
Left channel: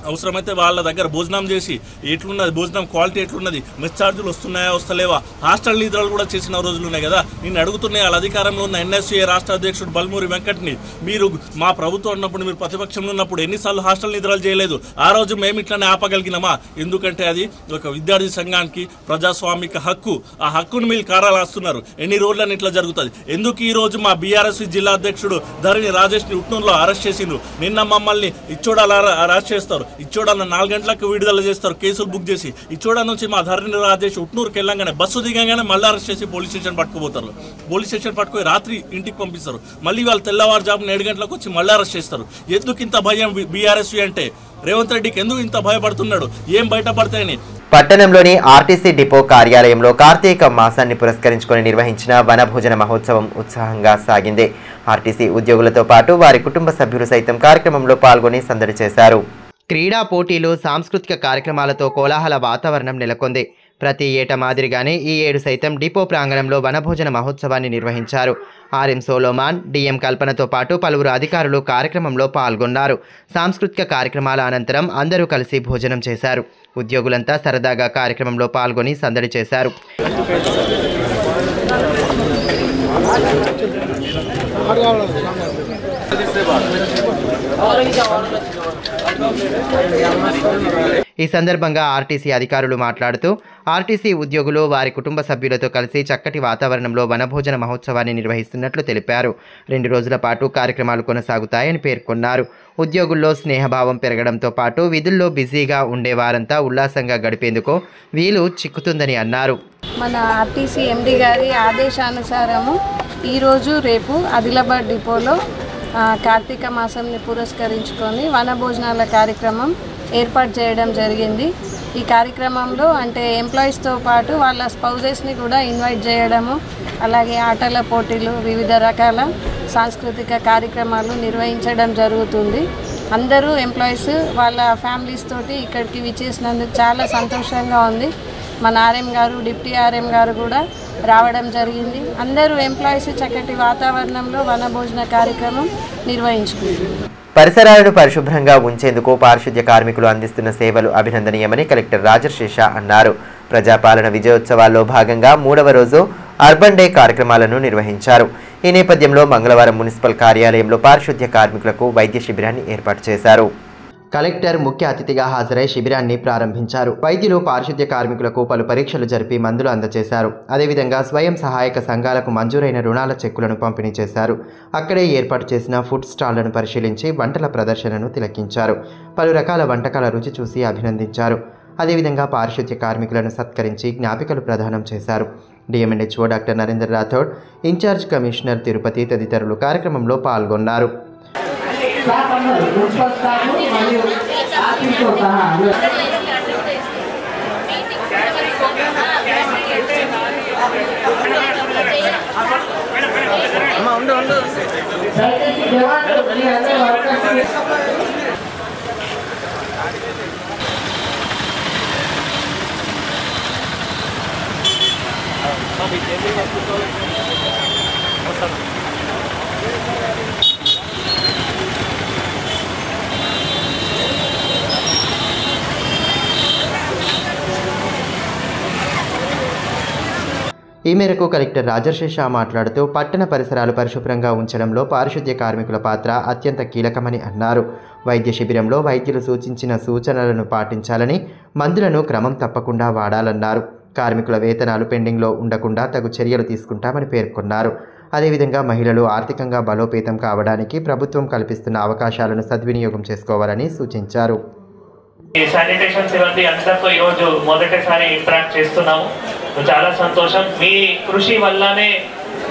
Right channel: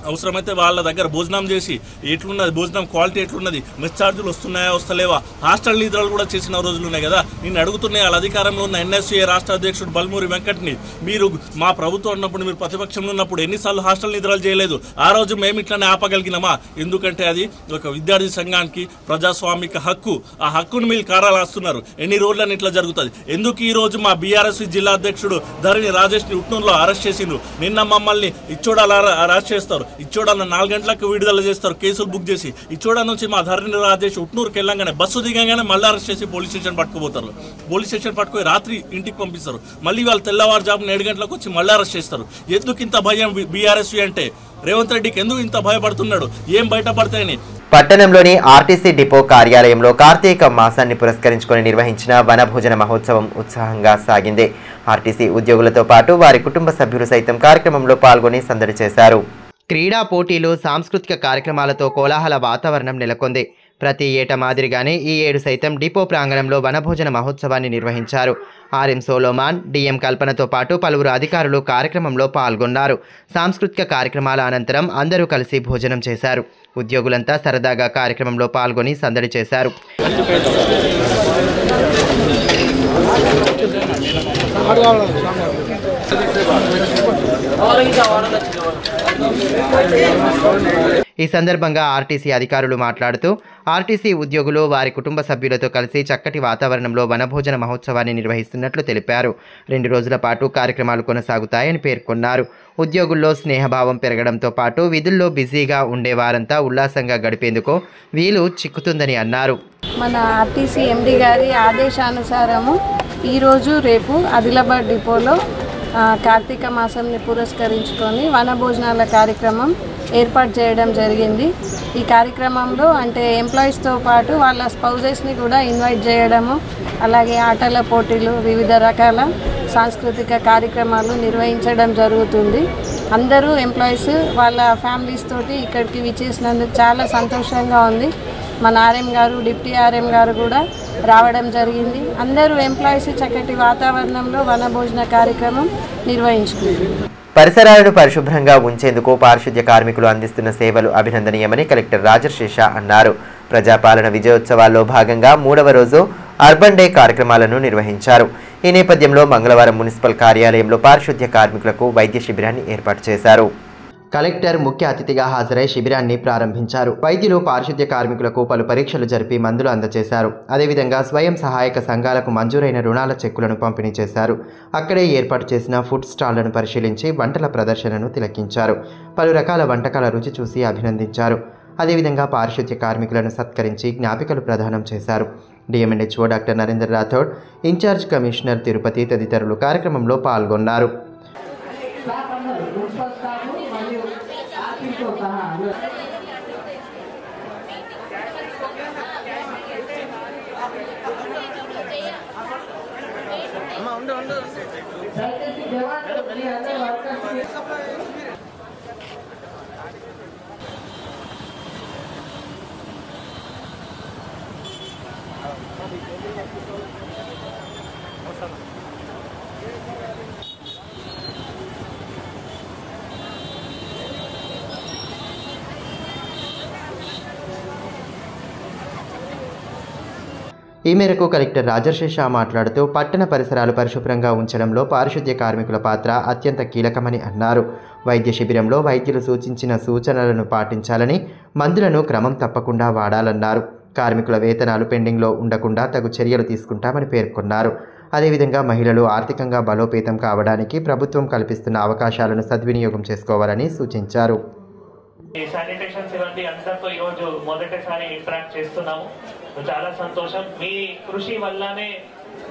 అవసరమైతే వాళ్ళ దగ్గర భోజనం చేసి ఎట్లున్నది, భోజనం క్వాలిటీ ఎట్లున్నది, మెస్ ఛార్జీలు వస్తున్నాయా వస్తలేవా, హాస్టల్ నిద్రలు కూడా చేసిన రోజులు ఉన్నాయి కదా. నేను అడుగుతున్నాయి వాళ్ళ అధికారంలో ఉన్న ఎన్ఎస్సీ రాష్ట్ర అధ్యక్షుడు బల్మూరి వెంకట్ని, మీరు మా ప్రభుత్వం ఉన్నప్పుడు, మీరు ప్రతిపక్షంలో ఉన్నప్పుడు ఎన్నిసార్లు హాస్టల్ నిద్రలు చేయలేదు? ఆ రోజు మేము ఇట్లనే ఆపగలిగినామా? ఎందుకంటే అది ఒక విద్యార్థి సంఘానికి ప్రజాస్వామిక హక్కు. ఆ హక్కును మీరు కారాలేస్తున్నారు. ఎన్ని రోజులని ఇట్లా జరుగుతుంది? ఎందుకు ఈ రోజు మా బీఆర్ఎస్వి జిల్లా అధ్యక్షుడు ధరణి రాజేష్ని ఉట్నూరులో అరెస్ట్ చేసిండ్రు? నిన్న మమ్మల్ని ఇచ్చోడాల అరెస్ట్ చేస్తారు. ఇచ్చోడన్న 4 గంటలకు విడుదల చేస్తారు, కేసులు బుక్ చేసి. ఇచ్చోడ నుంచి మా ధరణి రాజేష్ ఉట్నూరుకి వెళ్ళంగానే బస్సు దిగంగానే మళ్ళీ అరెస్ట్ చేసి పోలీస్ స్టేషన్ పట్టుకుపోతారు. పోలీస్ స్టేషన్ పట్టుకుని రాత్రి ఇంటికి పంపిస్తారు. మళ్ళీ వాళ్ళు తెల్లవారుజామున 7 గంటలకు వచ్చి మళ్ళీ అరెస్ట్ చేస్తారు. ఎందుకు ఇంత భయం బీఆర్ఎస్వి అంటే? రేవంత్ రెడ్డికి ఎందుకు ఇంత భయపడుతున్నాడు? ఏం బయటపడతాయని. పట్టణంలోని ఆర్టీసీ డిపో కార్యాలయంలో కార్తీక మాసాన్ని పురస్కరించుకొని నిర్వహించిన వనభోజన మహోత్సవం ఉత్సాహంగా సాగింది. ఆర్టీసీ ఉద్యోగులతో పాటు వారి కుటుంబ సభ్యులు సైతం కార్యక్రమంలో పాల్గొని సందడి చేశారు. క్రీడా పోటీలు, సాంస్కృతిక కార్యక్రమాలతో కోలాహల వాతావరణం నెలకొంది. ప్రతి ఏటా మాదిరిగానే ఈ ఏడు సైతం డిపో ప్రాంగణంలో వనభోజన మహోత్సవాన్ని నిర్వహించారు. ఆర్ఎం సోలోమాన్, డిఎం కల్పనతో పాటు పలువురు అధికారులు కార్యక్రమంలో పాల్గొన్నారు. సాంస్కృతిక కార్యక్రమాల అనంతరం అందరూ కలిసి భోజనం చేశారు. ఉద్యోగులంతా సరదాగా కార్యక్రమంలో పాల్గొని సందడి చేశారు. ఈ సందర్భంగా ఆర్టీసీ అధికారులు మాట్లాడుతూ ఆర్టీసీ ఉద్యోగులు వారి కుటుంబ సభ్యులతో కలిసి చక్కటి వాతావరణంలో వనభోజన మహోత్సవాన్ని నిర్వహిస్తున్నట్లు తెలిపారు. 2 రోజుల పాటు కార్యక్రమాలు కొనసాగుతాయని పేర్కొన్నారు. ఉద్యోగుల్లో స్నేహభావం పెరగడంతో పాటు విధుల్లో బిజీగా ఉండేవారంతా ఉల్లాసంగా గడిపేందుకు వీలు చిక్కుతుందని అన్నారు. మన ఆర్టీసీ ఎండి గారి ఆదేశానుసారము ఈరోజు రేపు ఆదిలాబాద్ డిపోలో కార్తీక మాసంని పురస్కరించుకొని వనభోజనాల కార్యక్రమం ఏర్పాటు చేయడం జరిగింది. ఈ కార్యక్రమంలో అంటే ఎంప్లాయీస్తో పాటు వాళ్ళ స్పౌజెస్ని కూడా ఇన్వైట్ చేయడము, అలాగే ఆటల పోటీలు, వివిధ రకాల సాంస్కృతిక కార్యక్రమాలు నిర్వహించడం జరుగుతుంది. అందరూ ఎంప్లాయీస్ వాళ్ళ ఫ్యామిలీస్ తోటి ఇక్కడికి విచ్చేసినందుకు చాలా సంతోషంగా ఉంది. మన ఆర్ఎం గారు, డిప్యూటీ ఆర్ఎం గారు కూడా రావడం జరిగింది. అందరూ ఎంప్లాయీస్ చక్కటి వాతావరణంలో వనభోజన కార్యక్రమం నిర్వహించుకుంటారు. పరిసరాలను పరిశుభ్రంగా ఉంచేందుకు పారిశుద్ధ్య కార్మికులు అందిస్తున్న సేవలు అభినందనీయమని కలెక్టర్ రాజర్శేష అన్నారు. ప్రజాపాలన విజయోత్సవాల్లో భాగంగా 3వ రోజు అర్బన్ డే కార్యక్రమాలను నిర్వహించారు. ఈ నేపథ్యంలో మంగళవారం మున్సిపల్ కార్యాలయంలో పారిశుద్ధ్య కార్మికులకు వైద్య శిబిరాన్ని ఏర్పాటు చేశారు. కలెక్టర్ ముఖ్య అతిథిగా హాజరై శిబిరాన్ని ప్రారంభించారు. వైద్యులు పారిశుద్ధ్య కార్మికులకు పలు పరీక్షలు జరిపి మందులు అందజేశారు. అదేవిధంగా స్వయం సహాయక సంఘాలకు మంజూరైన రుణాల చెక్కులను పంపిణీ చేశారు. అక్కడే ఏర్పాటు చేసిన ఫుడ్ స్టాళ్లను పరిశీలించి వంటల ప్రదర్శనను తిలకించారు. పలు రకాల వంటకాల రుచి చూసి అభినందించారు. అదేవిధంగా పారిశుద్ధ్య కార్మికులను సత్కరించి జ్ఞాపికలు ప్రదానం చేశారు. DMNHO doctor Narender Rathod, incharge commissioner Tirupati తదితరులు కార్యక్రమంలో పాల్గొన్నారు. ఈ మేరకు కలెక్టర్ రాజర్శేష మాట్లాడుతూ పట్టణ పరిసరాలు పరిశుభ్రంగా ఉంచడంలో పారిశుద్ధ్య కార్మికుల పాత్ర అత్యంత కీలకమని అన్నారు. వైద్య శిబిరంలో వైద్యులు సూచించిన సూచనలను పాటించాలని, మందులను క్రమం తప్పకుండా వాడాలన్నారు. కార్మికుల వేతనాలు పెండింగ్లో ఉండకుండా తగు చర్యలు తీసుకుంటామని పేర్కొన్నారు. అదేవిధంగా మహిళలు ఆర్థికంగా బలోపేతం కావడానికి ప్రభుత్వం కల్పిస్తున్న అవకాశాలను సద్వినియోగం చేసుకోవాలని సూచించారు. శానిటేషన్ సిబ్బంది అందరితో ఈరోజు మొదటిసారి ఇంటరాక్ట్ చేస్తున్నాము. చాలా సంతోషం. మీ కృషి వల్లనే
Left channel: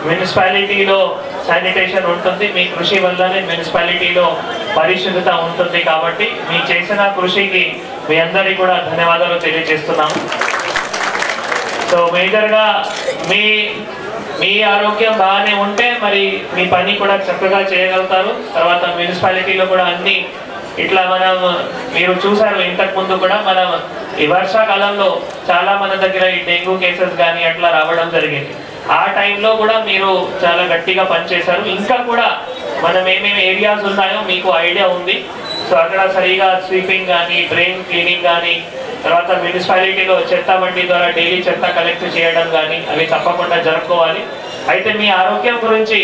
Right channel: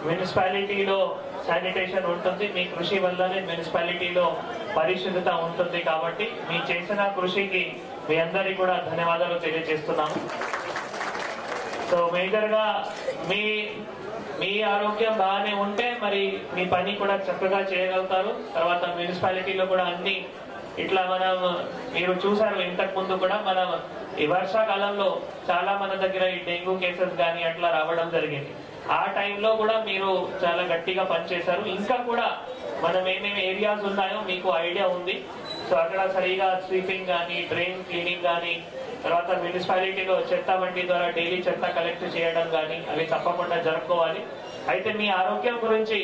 మున్సిపాలిటీలో శానిటేషన్ ఉంటుంది, మీ కృషి వల్లనే మున్సిపాలిటీలో పరిశుభ్రత ఉంటుంది. కాబట్టి మీ చేసిన కృషికి మీ అందరికీ కూడా ధన్యవాదాలు తెలియజేస్తున్నాము. సో మేజర్గా మీ ఆరోగ్యం బాగానే ఉంటే మరి మీ పని కూడా చక్కగా చేయగలుగుతారు. తర్వాత మున్సిపాలిటీలో కూడా అన్ని ఇట్లా మనం మీరు చూసారు ఇంతకు ముందు కూడా మనం ఈ వర్షాకాలంలో చాలా మన దగ్గర ఈ డెంగ్యూ కేసెస్ కానీ అట్లా రావడం జరిగింది. ఆ టైంలో కూడా మీరు చాలా గట్టిగా పనిచేశారు. ఇంకా కూడా మనం ఏమేమి ఏరియాస్ ఉన్నాయో మీకు ఐడియా ఉంది. సో అక్కడ సరిగా స్వీపింగ్ కానీ, డ్రైన్ క్లీనింగ్ కానీ, తర్వాత మున్సిపాలిటీలో చెత్త బండి ద్వారా డైలీ చెత్త కలెక్ట్ చేయడం కానీ అవి తప్పకుండా జరుపుకోవాలి. అయితే మీ ఆరోగ్యం గురించి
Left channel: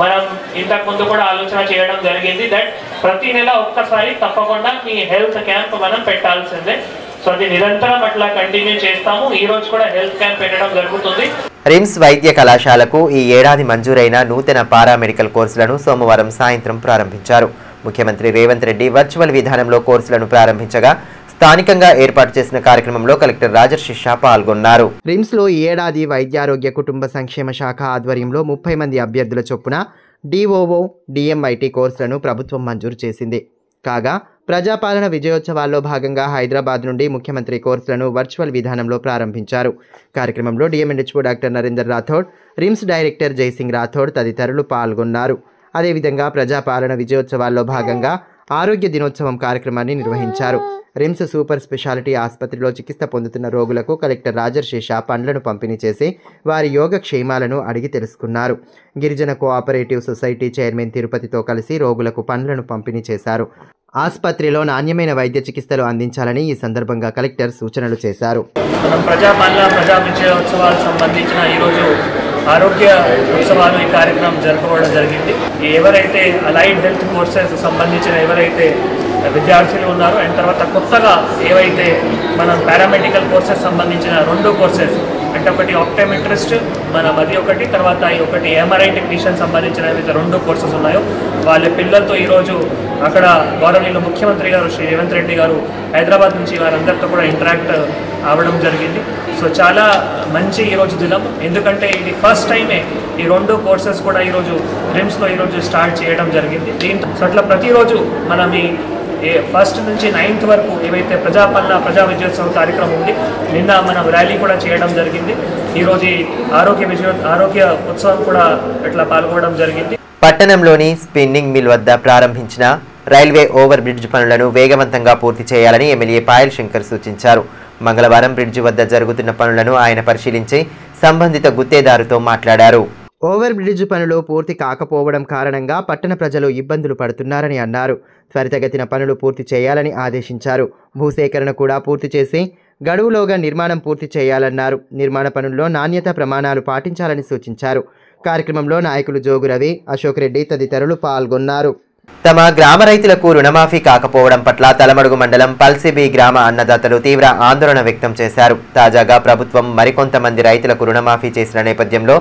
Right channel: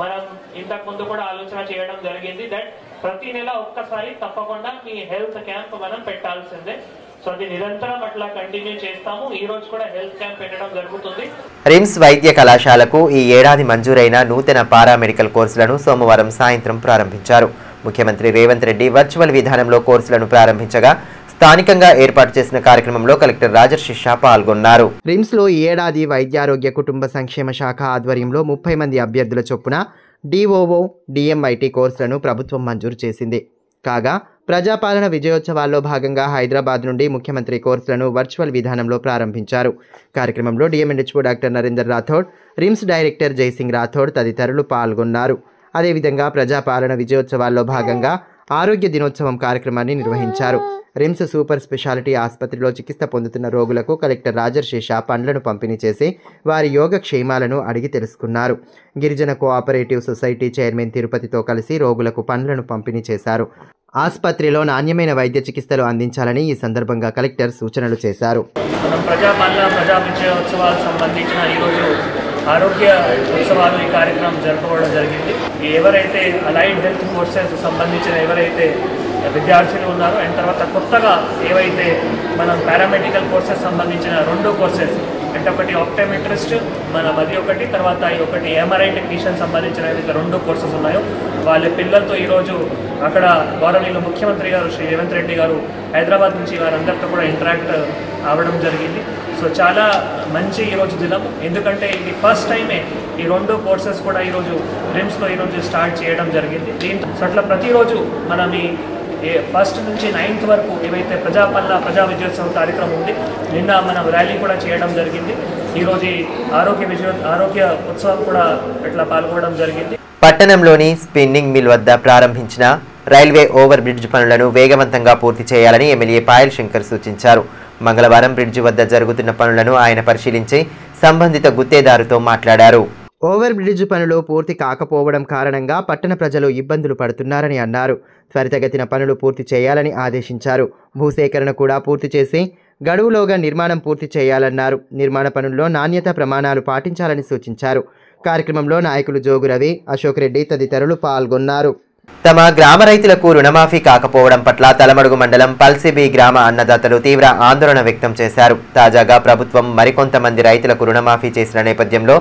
మనం ఇంతకు ముందు కూడా ఆలోచన చేయడం జరిగింది. దట్ ప్రతి నెల ఒక్కసారి తప్పకుండా మీ హెల్త్ క్యాంప్ మనం పెట్టాల్సిందే. సో అది నిరంతరం అట్లా కంటిన్యూ చేస్తాము. ఈ రోజు కూడా హెల్త్ క్యాంప్ పెట్టడం జరుగుతుంది. రిమ్స్ వైద్య కళాశాలకు ఈ ఏడాది మంజూరైన నూతన పారామెడికల్ కోర్సులను సోమవారం సాయంత్రం ప్రారంభించారు. ముఖ్యమంత్రి రేవంత్ రెడ్డి వర్చువల్ విధానంలో కోర్సులను ప్రారంభించగా స్థానికంగా ఏర్పాటు చేసిన కార్యక్రమంలో కలెక్టర్ రాజర్షిషా పాల్గొన్నారు. రిమ్స్లో ఈ ఏడాది వైద్యారోగ్య కుటుంబ సంక్షేమ శాఖ ఆధ్వర్యంలో 30 మంది అభ్యర్థుల చొప్పున డిఓఓ డిఎంఐటి కోర్సులను ప్రభుత్వం మంజూరు చేసింది. కాగా ప్రజాపాలన విజయోత్సవాల్లో భాగంగా హైదరాబాద్ నుండి ముఖ్యమంత్రి కోర్సులను వర్చువల్ విధానంలో ప్రారంభించారు. కార్యక్రమంలో DM&HO doctor Narender Rathod, RIMS director Jaisingh Rathod తదితరులు పాల్గొన్నారు. అదేవిధంగా ప్రజాపాలన విజయోత్సవాల్లో భాగంగా ఆరోగ్య దినోత్సవం కార్యక్రమాన్ని నిర్వహించారు. రిమ్స్ సూపర్ స్పెషాలిటీ ఆసుపత్రిలో చికిత్స పొందుతున్న రోగులకు కలెక్టర్ రాజర్షిషా పండ్లను పంపిణీ చేసి వారి యోగక్షేమాలను అడిగి తెలుసుకున్నారు. గిరిజన కోఆపరేటివ్ సొసైటీ చైర్మన్ తిరుపతితో కలిసి రోగులకు పండ్లను పంపిణీ చేశారు. ఆసుపత్రిలో నాణ్యమైన వైద్య చికిత్సలు అందించాలని ఈ సందర్భంగా కలెక్టర్ సూచనలు చేశారు. మనం ప్రజాపాలన ప్రజా విజయోత్సవాలకు సంబంధించిన ఈరోజు ఆరోగ్య ఉత్సవాలు ఈ కార్యక్రమం జరుపుకోవడం జరిగింది. ఎవరైతే అలైడ్ హెల్త్ కోర్సెస్ సంబంధించిన ఎవరైతే విద్యార్థులు ఉన్నారో అండ్ తర్వాత కొత్తగా ఏవైతే మనం పారామెడికల్ కోర్సెస్ సంబంధించిన 2 కోర్సెస్ అంటే ఒకటి ఆప్టోమెట్రిస్ట్ మరి ఒకటి తర్వాత ఒకటి ఎంఆర్ఐ టెక్నీషియన్ సంబంధించిన ఏవైతే 2 కోర్సెస్ ఉన్నాయో వాళ్ళ పిల్లలతో ఈరోజు అక్కడ గౌరవనీయులు ముఖ్యమంత్రి గారు శ్రీ రేవంత్ రెడ్డి గారు హైదరాబాద్ నుంచి వారందరితో కూడా ఇంటరాక్ట్ అవ్వడం జరిగింది. సో చాలా మంచి ఈరోజు దినం, ఎందుకంటే ఇది ఫస్ట్ టైమే ఈ 2 కోర్సెస్ కూడా ఈరోజు రిమ్స్లో ఈరోజు స్టార్ట్ చేయడం జరిగింది. దీంతో సో అట్లా ప్రతిరోజు మనం ఈ ఫస్ట్ నుంచి 9th వరకు ఏవైతే ప్రజాపాలన ప్రజా విజయోత్సవం కార్యక్రమం ఉంది, నిన్న మనం ర్యాలీ కూడా చేయడం జరిగింది. ఈరోజు ఆరోగ్య ఉత్సవం కూడా ఇట్లా పాల్గొనడం జరిగింది. పట్టణంలోని స్పిన్నింగ్ మిల్ వద్ద ప్రారంభించిన రైల్వే ఓవర్ బ్రిడ్జ్ పనులను వేగవంతంగా పూర్తి చేయాలని ఎమ్మెల్యే పాయల్ శంకర్ సూచించారు. మంగళవారం బ్రిడ్జ్ వద్ద జరుగుతున్న పనులను ఆయన పరిశీలించి సంబంధిత గుత్తేదారుతో మాట్లాడారు. ఓవర్ బ్రిడ్జ్ పనులు పూర్తి కాకపోవడం కారణంగా పట్టణ ప్రజలు ఇబ్బందులు పడుతున్నారని అన్నారు. త్వరితగతిన పనులు పూర్తి చేయాలని ఆదేశించారు. భూసేకరణ కూడా పూర్తి చేసి గడువులోగా నిర్మాణం పూర్తి చేయాలన్నారు. నిర్మాణ పనుల్లో నాణ్యత ప్రమాణాలు పాటించాలని సూచించారు. కార్యక్రమంలో నాయకులు జోగు రవి, అశోక్ రెడ్డి తదితరులు పాల్గొన్నారు. తమ గ్రామ రైతులకు రుణమాఫీ కాకపోవడం పట్ల తలమడుగు మండలం పల్సిబి గ్రామ అన్నదాతలు తీవ్ర ఆందోళన వ్యక్తం చేశారు. తాజాగా ప్రభుత్వం మరికొంతమంది రైతులకు రుణమాఫీ చేసిన నేపథ్యంలో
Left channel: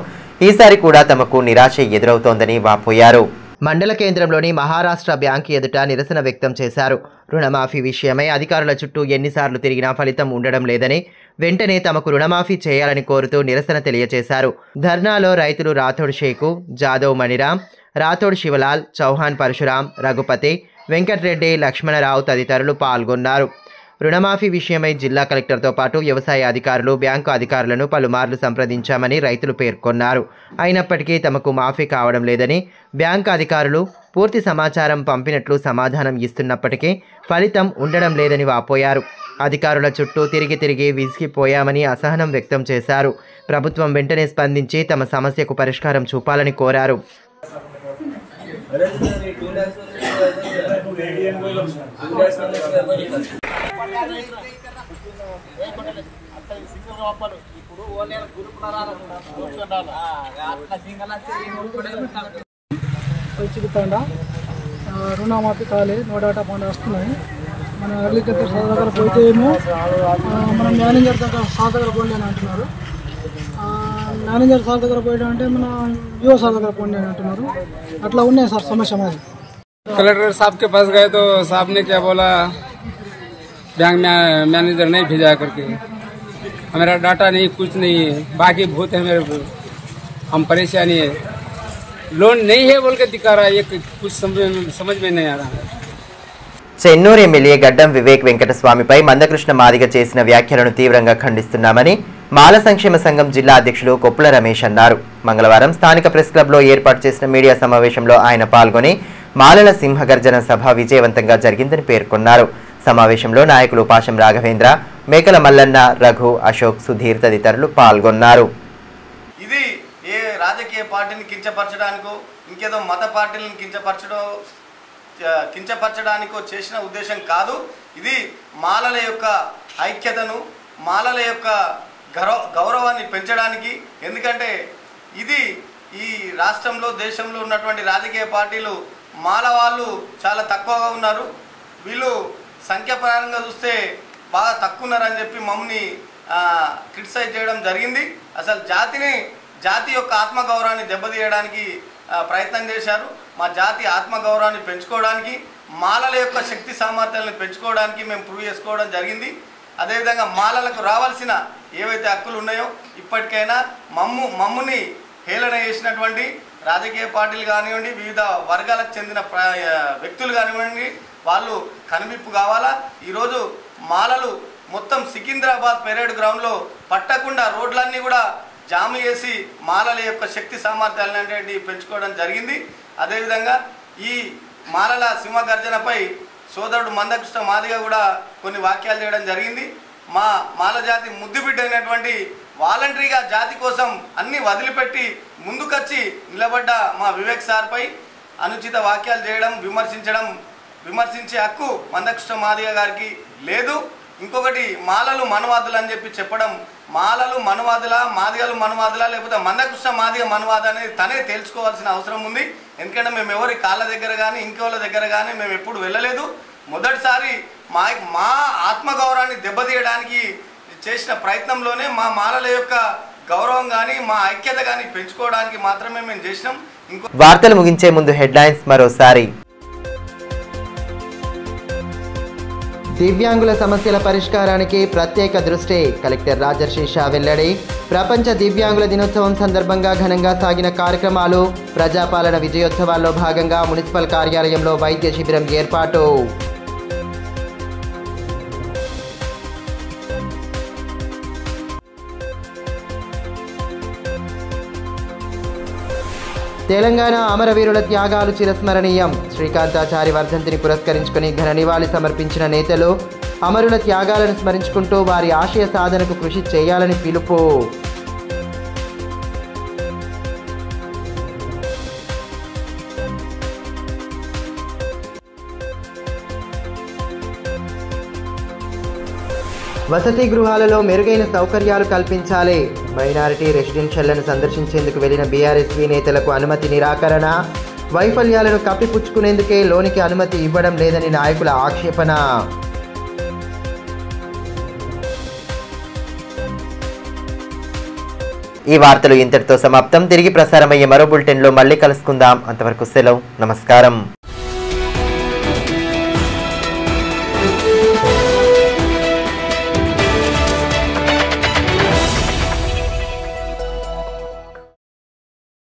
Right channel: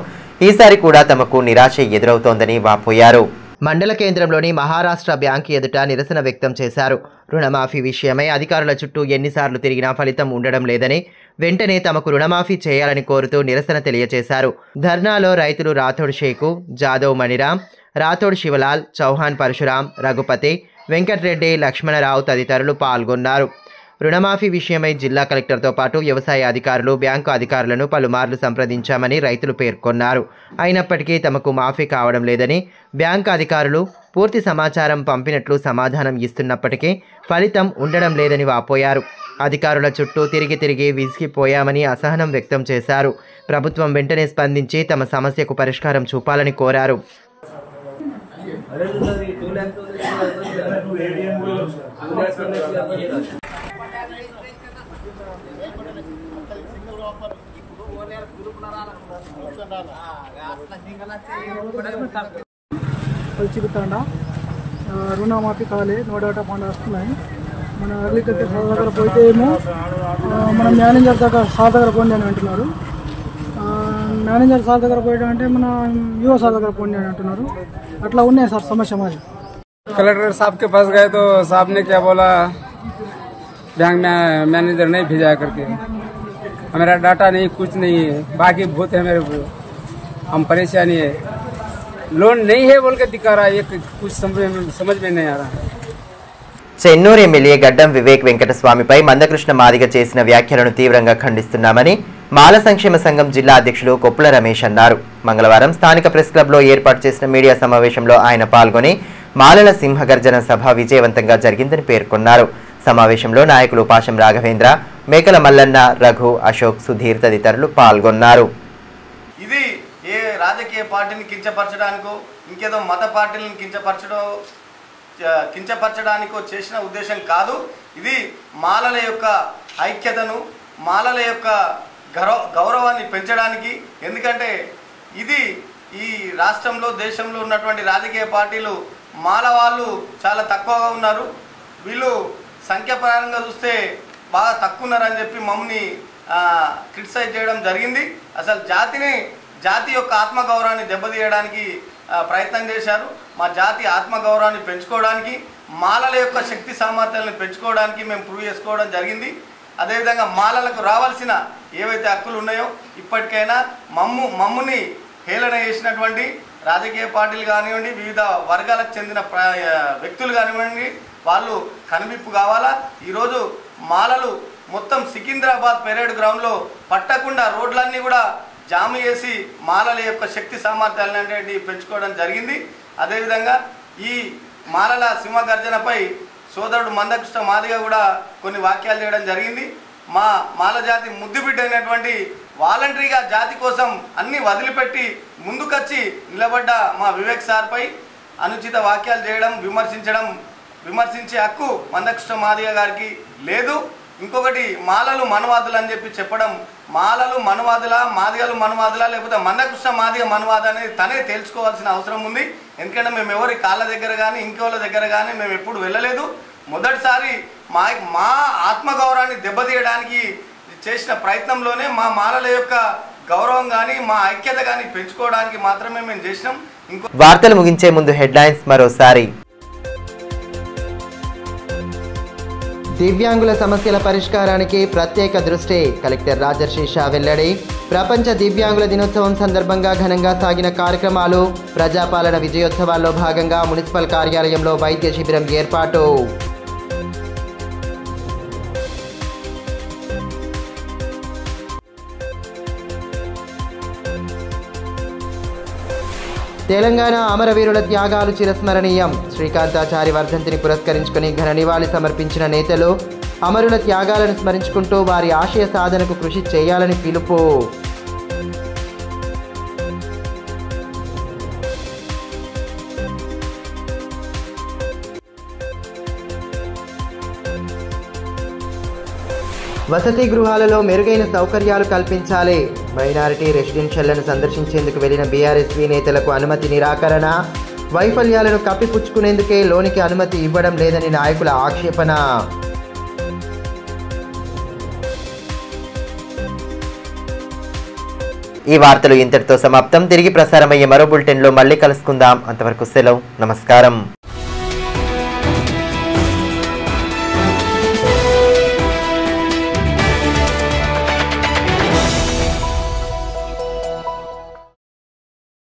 ఈసారి కూడా తమకు నిరాశ ఎదురవుతోందని వాపోయారు. మండల కేంద్రంలోని మహారాష్ట్ర బ్యాంకు ఎదుట నిరసన వ్యక్తం చేశారు. రుణమాఫీ విషయమై అధికారుల చుట్టూ ఎన్నిసార్లు తిరిగినా ఫలితం ఉండడం లేదని, వెంటనే తమకు రుణమాఫీ చేయాలని కోరుతూ నిరసన తెలియజేశారు. ధర్నాలో రైతులు రాథోడ్ షేకు, జాదవ్ మణిరామ్, రాథోడ్ శివలాల్, చౌహాన్ పరశురాం, రఘుపతి, వెంకట్రెడ్డి, లక్ష్మణరావు తదితరులు పాల్గొన్నారు. రుణమాఫీ విషయమై జిల్లా కలెక్టర్తో పాటు వ్యవసాయ అధికారులు, బ్యాంకు అధికారులను పలుమార్లు సంప్రదించామని రైతులు పేర్కొన్నారు. అయినప్పటికీ తమకు మాఫీ కావడం లేదని, బ్యాంకు అధికారులు పూర్తి సమాచారం పంపినట్లు సమాధానం ఇస్తున్నప్పటికీ ఫలితం ఉండడం లేదని వాపోయారు. అధికారుల చుట్టూ తిరిగి విసిగిపోయామని అసహనం వ్యక్తం చేశారు. ప్రభుత్వం వెంటనే స్పందించి తమ సమస్యకు పరిష్కారం చూపాలని కోరారు. పల్చిపితాండా రుణమాఫీ కాలే, నో డాటా ఫండ్ వస్తున్నాయి. మన అగ్రికల్చర్ సార్ దగ్గర పోతే ఏమో మన మేనేజర్ సార్ దగ్గర పోండి అని అంటున్నారు. మేనేజర్ సార్ దగ్గర పోయడం అంటే మన యువ సార్ దగ్గర పోండి అని అంటున్నారు. అట్లా ఉన్నాయి సార్ సమస్య మాది. कलेक्टर साहब के पास गए तो साहब ने क्या बोला, बैंक मैनेजर नहीं भेजा करके, हमारा डाटा नहीं, कुछ नहीं है, बाकी बहुत है मेरे, हम परेशानी है, लोन नहीं है बोल के दिखा रहा है, ये कुछ समझ में नहीं आ रहा है. చెన్నూరు ఎమ్మెల్యే గడ్డం వివేక్ వెంకటస్వామిపై మందకృష్ణ మాదిగ చేసిన వ్యాఖ్యలను తీవ్రంగా ఖండిస్తున్నామని మాల సంక్షేమ సంఘం జిల్లా అధ్యక్షులు కొప్పుల రమేష్ అన్నారు. మంగళవారం స్థానిక ప్రెస్ క్లబ్లో ఏర్పాటు చేసిన మీడియా సమావేశంలో ఆయన పాల్గొని మాలల సింహగర్జన సభ విజయవంతంగా జరిగిందని పేర్కొన్నారు. సమావేశంలో నాయకులు పాశం రాఘవేంద్ర, మేకల మల్లన్న, రఘు, అశోక్, సుధీర్ తదితరులు పాల్గొన్నారు. ఇది ఏ రాజకీయ పార్టీని కించపరచడానికో ఇంకేదో మత పార్టీలను కించపరచడానికో చేసిన ఉద్దేశం కాదు. ఇది మాలల యొక్క ఐక్యతను, మాలల యొక్క గౌరవాన్ని పెంచడానికి. ఎందుకంటే ఇది ఈ రాష్ట్రంలో, దేశంలో ఉన్నటువంటి రాజకీయ పార్టీలు మాల వాళ్ళు చాలా తక్కువగా ఉన్నారు, వీళ్ళు సంఖ్యాపరంగా చూస్తే బాగా తక్కువ ఉన్నారని చెప్పి మమ్మల్ని క్రిటిసైజ్ చేయడం జరిగింది. అసలు జాతి యొక్క ఆత్మగౌరవాన్ని దెబ్బతీయడానికి ప్రయత్నం చేశారు. మా జాతి ఆత్మగౌరవాన్ని పెంచుకోవడానికి మాలల యొక్క శక్తి సామర్థ్యాలను పెంచుకోవడానికి మేము ప్రూవ్ చేసుకోవడం జరిగింది. అదేవిధంగా మాలలకు రావాల్సిన ఏవైతే హక్కులు ఉన్నాయో ఇప్పటికైనా మమ్ముని హేళన చేసినటువంటి రాజకీయ పార్టీలు కానివ్వండి, వివిధ వర్గాలకు చెందిన వ్యక్తులు కానివ్వండి, వాళ్ళు కనువిప్పు కావాలా. ఈరోజు మాలలు మొత్తం సికింద్రాబాద్ పెరేడ్ గ్రౌండ్లో పట్టకుండా రోడ్లన్నీ కూడా జాము చేసి మాలల యొక్క శక్తి సామర్థ్యాలనేటువంటి పెంచుకోవడం జరిగింది. అదేవిధంగా ఈ మాలల సింహగర్జనపై సోదరుడు మందకృష్ణ మాదిగ కూడా కొన్ని వాక్యాలు చేయడం జరిగింది. మా మాల జాతి ముద్దుబిడ్డ అయినటువంటి వాలంటరీగా జాతి కోసం అన్ని వదిలిపెట్టి ముందుకొచ్చి నిలబడ్డ మా వివేక్ సార్పై అనుచిత వాక్యాలు చేయడం, విమర్శించే హక్కు మందకృష్ణ మాదిగ గారికి లేదు. ఇంకొకటి మాలలు మనవాదులు అని చెప్పి చెప్పడం, మాలలు మనవాదులా, మాదిగలు మనవాదులా, లేకపోతే మందకృష్ణ మాదిగ మనవాద అనేది తనే తేల్చుకోవాల్సిన అవసరం ఉంది. ఎందుకంటే మేము ఎవరి కాళ్ళ దగ్గర కానీ ఇంకోళ్ళ దగ్గర కానీ మేము ఎప్పుడు వెళ్ళలేదు. మొదటిసారి మా ఆత్మగౌరవాన్ని దెబ్బతీయడానికి చేసిన ప్రయత్నంలోనే మా మాలల యొక్క గౌరవం కానీ మా ఐక్యత కానీ పెంచుకోవడానికి మాత్రమే మేము చేసినాం. వార్తలు ముగించే ముందు హెడ్లైన్స్ మరోసారి. దివ్యాంగుల సమస్యల పరిష్కారానికి ప్రత్యేక దృష్టి, కలెక్టర్ రాజర్షి వెల్లడి. ప్రపంచ దివ్యాంగుల దినోత్సవం సందర్భంగా ఘనంగా సాగిన కార్యక్రమాలు. ప్రజాపాలన విజయోత్సవాల్లో భాగంగా మున్సిపల్ కార్యాలయంలో వైద్య శిబిరం ఏర్పాటు. తెలంగాణ అమరవీరుల త్యాగాలు చిరస్మరణీయం. శ్రీకాంతాచారి వర్ధంతిని పురస్కరించుకుని ఘన నివాళి సమర్పించిన నేతలు అమరుల త్యాగాలను స్మరించుకుంటూ వారి ఆశయ సాధనకు కృషి చేయాలని పిలుపు. వసతి గృహాలలో మెరుగైన సౌకర్యాలు కల్పించాలి. మైనారిటీ రెసిడెన్షియల్లను సందర్శించేందుకు వెళ్లిన బీఆర్ఎస్వీ నేతలకు అనుమతి నిరాకరణ. వైఫల్యాలను కప్పిపుచ్చుకునేందుకే లోనికి అనుమతి ఇవ్వడం లేదని నాయకుల ఆక్షేపణ. ఈ వార్తలు ఇంతటితో సమాప్తం. తిరిగి ప్రసారమయ్యే మరో బులెటిన్లో మళ్ళీ కలుసుకుందాం. అంతవరకు సెలవు. నమస్కారం.